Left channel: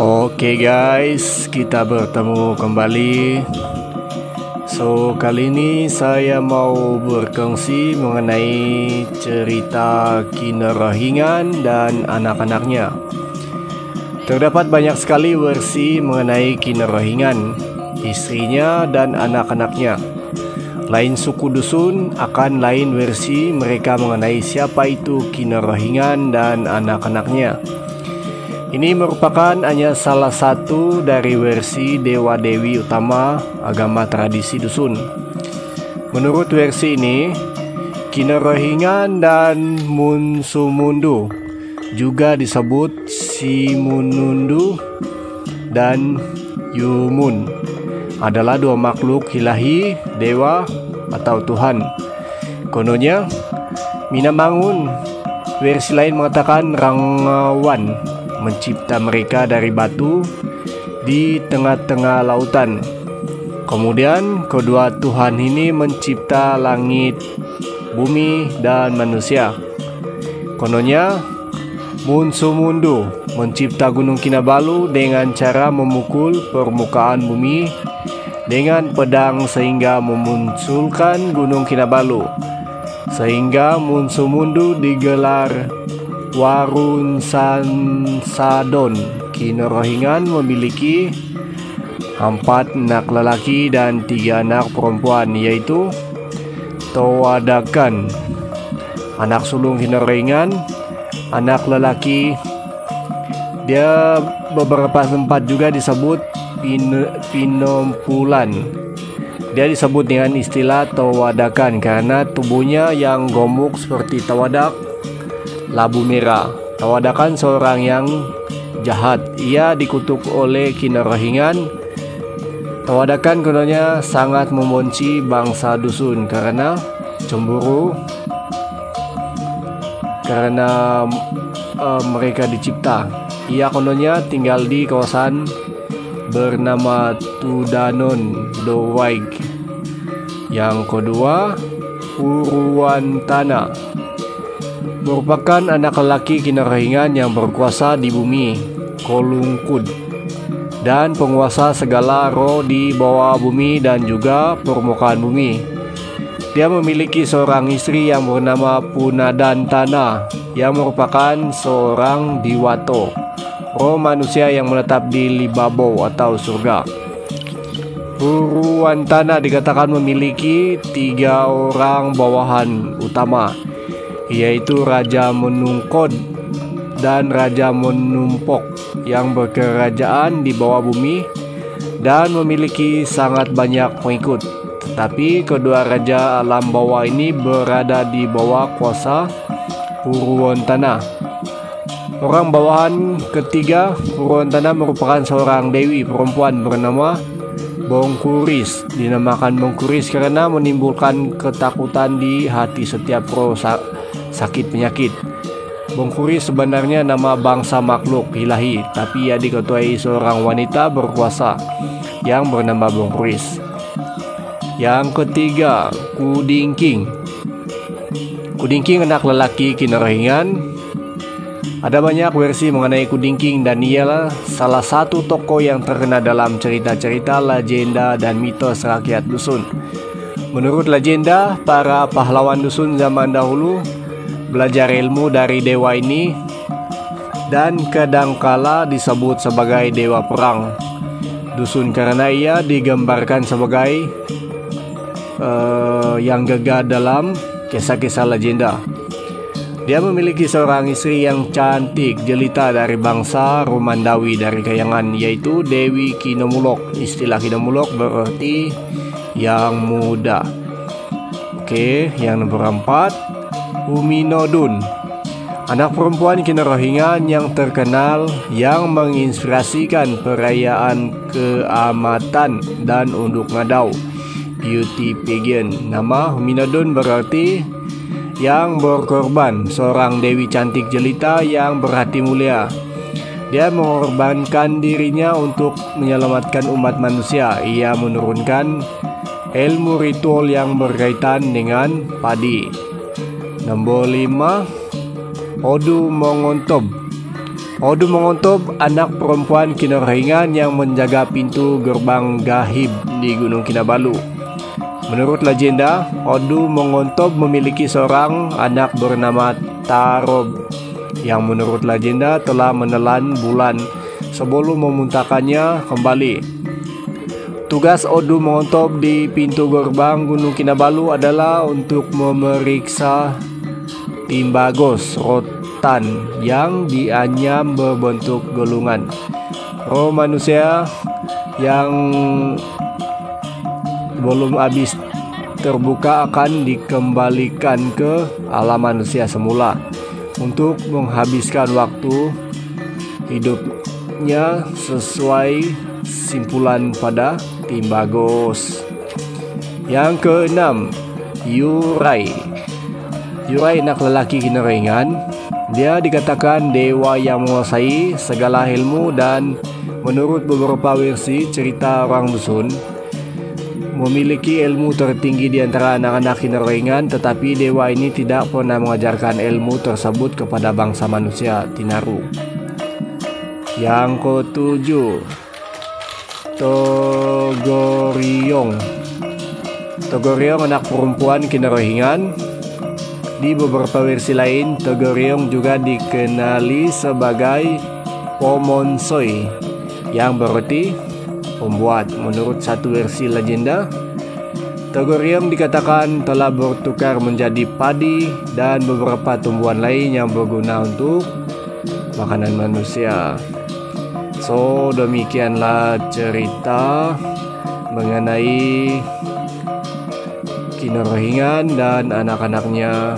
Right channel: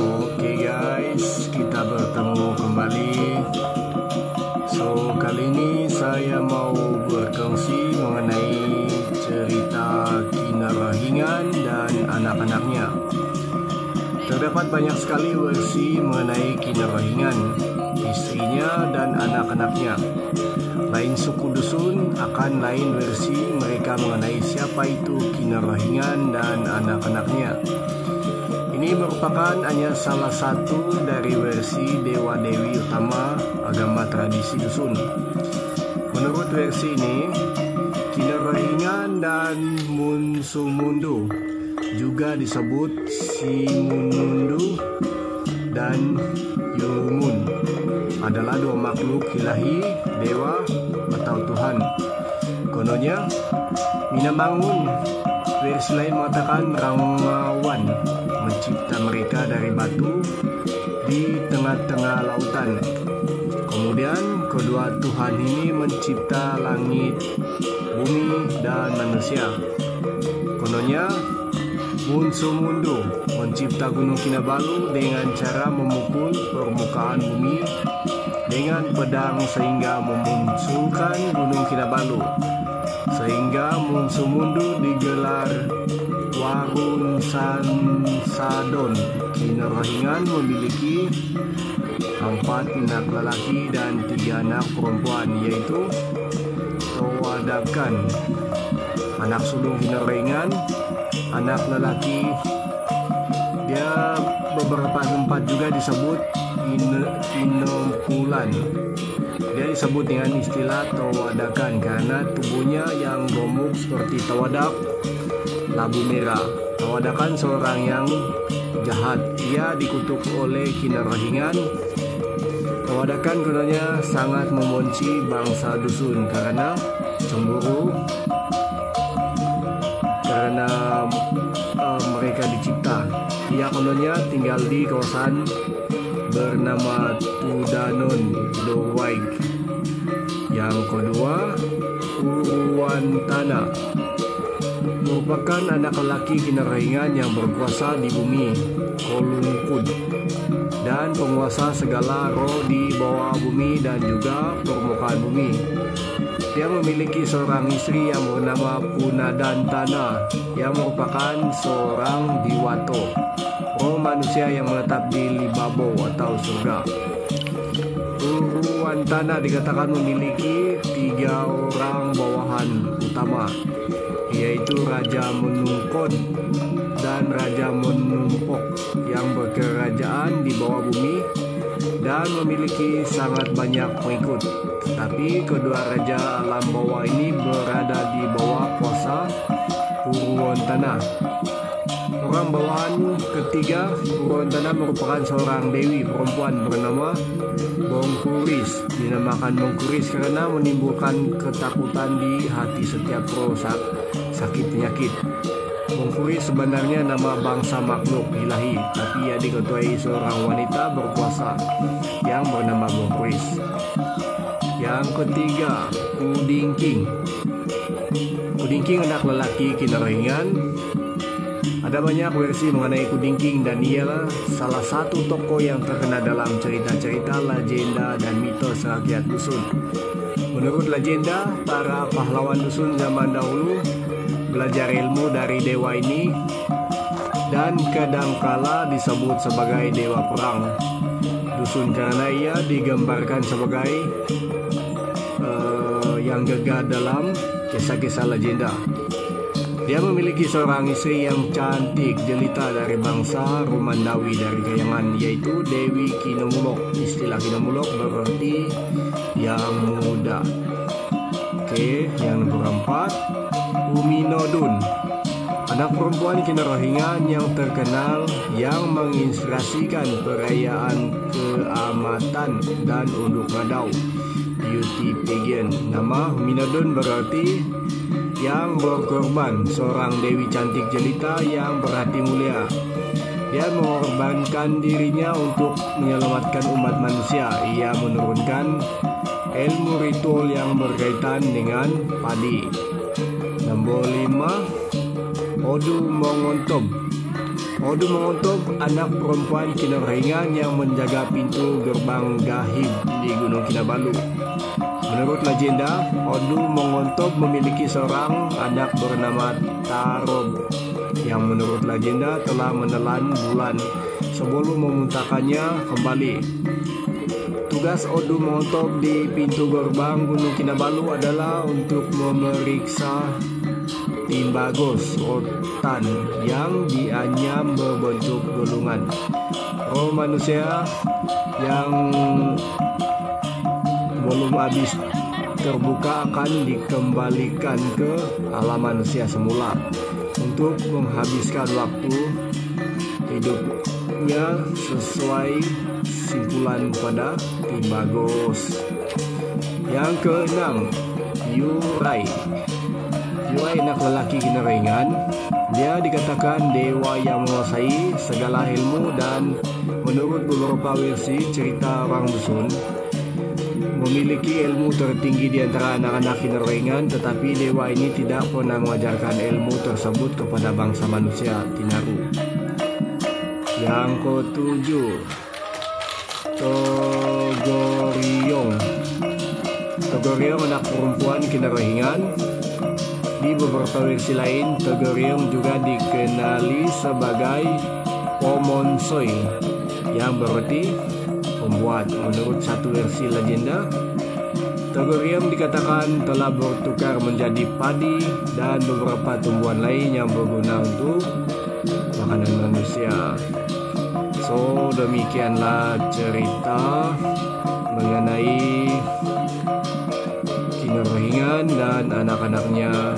Oke guys, kita bertemu kembali. Kali ini saya mau berkongsi mengenai cerita Kinarahingan dan anak-anaknya. Terdapat banyak sekali versi mengenai Kinarahingan, istrinya dan anak-anaknya. Lain suku dusun akan lain versi mereka mengenai siapa itu Kinarahingan dan anak-anaknya. Ini merupakan hanya salah satu dari versi dewa-dewi utama agama tradisi dusun. Menurut versi ini, Kinarahingan dan Munsumundu, juga disebut Simunundu dan Yumun, adalah dua makhluk ilahi, dewa atau Tuhan. Kononnya, Minamangun, versi lain mengatakan Rangawan mencipta mereka dari batu di tengah-tengah lautan. Kemudian kedua Tuhan ini mencipta langit, bumi, dan manusia. Kononnya Munsumundu mencipta Gunung Kinabalu dengan cara memukul permukaan bumi dengan pedang sehingga memunculkan Gunung Kinabalu. Sehingga Munsumundu digelar Warun Sansadon. Kinarahingan memiliki 4 anak lelaki dan 3 anak perempuan, yaitu Tawadakan, anak sulung Kinarahingan, anak lelaki. Dia beberapa tempat juga disebut Pinompulan. Dia disebut dengan istilah Tawadakan karena tubuhnya yang gemuk seperti tawadak labu merah. Tawadakan seorang yang jahat. Ia dikutuk oleh Kinarahingan. Tawadakan kononnya sangat membenci bangsa dusun karena cemburu karena mereka dicipta. Ia kononnya tinggal di kawasan bernama Tudanon Dowaig. Yang kedua, Uruwantana merupakan anak lelaki Kinarahingan yang berkuasa di bumi Kolungkud dan penguasa segala roh di bawah bumi dan juga permukaan bumi. Dia memiliki seorang istri yang bernama Punadantana yang merupakan seorang Diwato, roh manusia yang menetap di Libabo atau surga. Uruwantana dikatakan memiliki 3 orang bawahan utama, yaitu Raja Menungkod dan Raja Menumpok yang berkerajaan di bawah bumi dan memiliki sangat banyak pengikut. Tetapi kedua raja alam bawah ini berada di bawah kuasa Uruwantana. Orang bawahan ketiga Uruwantana merupakan seorang dewi perempuan bernama Bongkuris. Dinamakan Bongkuris karena menimbulkan ketakutan di hati setiap roh sakit penyakit. Bongkuris sebenarnya nama bangsa makhluk ilahi, tapi ia diketuai seorang wanita berkuasa yang bernama Bongkuris. Yang ketiga, Kudingking. Kudingking anak lelaki Kinarahingan. Ada banyak versi mengenai Kudingking dan ialah salah satu tokoh yang terkenal dalam cerita-cerita, legenda, dan mitos rakyat dusun. Menurut legenda, para pahlawan dusun zaman dahulu belajar ilmu dari dewa ini dan kadangkala disebut sebagai dewa perang dusun karena ia digambarkan sebagai yang gagah dalam kisah-kisah legenda. Dia memiliki seorang istri yang cantik jelita dari bangsa Romandawi dari Kayangan, yaitu Dewi Kinomulok. Istilah Kinomulok berarti yang muda. Oke, yang nomor 4, Uminodun, anak perempuan Kinarahingan yang terkenal yang menginspirasikan perayaan keamatan dan unduk ngadau beauty pageant. Nama Uminodun berarti yang berkorban, seorang dewi cantik jelita yang berhati mulia. Dia mengorbankan dirinya untuk menyelamatkan umat manusia. Ia menurunkan ilmu ritual yang berkaitan dengan padi. Nomor 5, Odu Mongontob. Odu Mengontop, anak perempuan Kinarhingan yang menjaga pintu gerbang gaib di Gunung Kinabalu. Menurut legenda, Odu Mengontop memiliki seorang anak bernama Tarob yang menurut legenda telah menelan bulan sebelum memuntahkannya kembali. Tugas Odu Mengontop di pintu gerbang Gunung Kinabalu adalah untuk memeriksa timbagos rotan yang dianyam berbentuk gulungan. Roh manusia yang belum habis terbuka akan dikembalikan ke alam manusia semula untuk menghabiskan waktu hidupnya sesuai simpulan pada timbagos. Yang keenam, Yurai. Yurai anak lelaki Kinarhingan. Dia dikatakan dewa yang menguasai segala ilmu dan menurut beberapa versi cerita orang dusun memiliki ilmu tertinggi di antara anak-anak Kinarhingan, tetapi dewa ini tidak pernah mengajarkan ilmu tersebut kepada bangsa manusia Tinaru. Yang ketujuh, Togoriong. Togoriong anak perempuan Kinarhingan. Di beberapa versi lain, Togoriong juga dikenali sebagai Pomonsoi yang berarti pembuat. Menurut satu versi legenda, Togoriong dikatakan telah bertukar menjadi padi dan beberapa tumbuhan lain yang berguna untuk makanan manusia. So, demikianlah cerita mengenai Kinarhingan dan anak-anaknya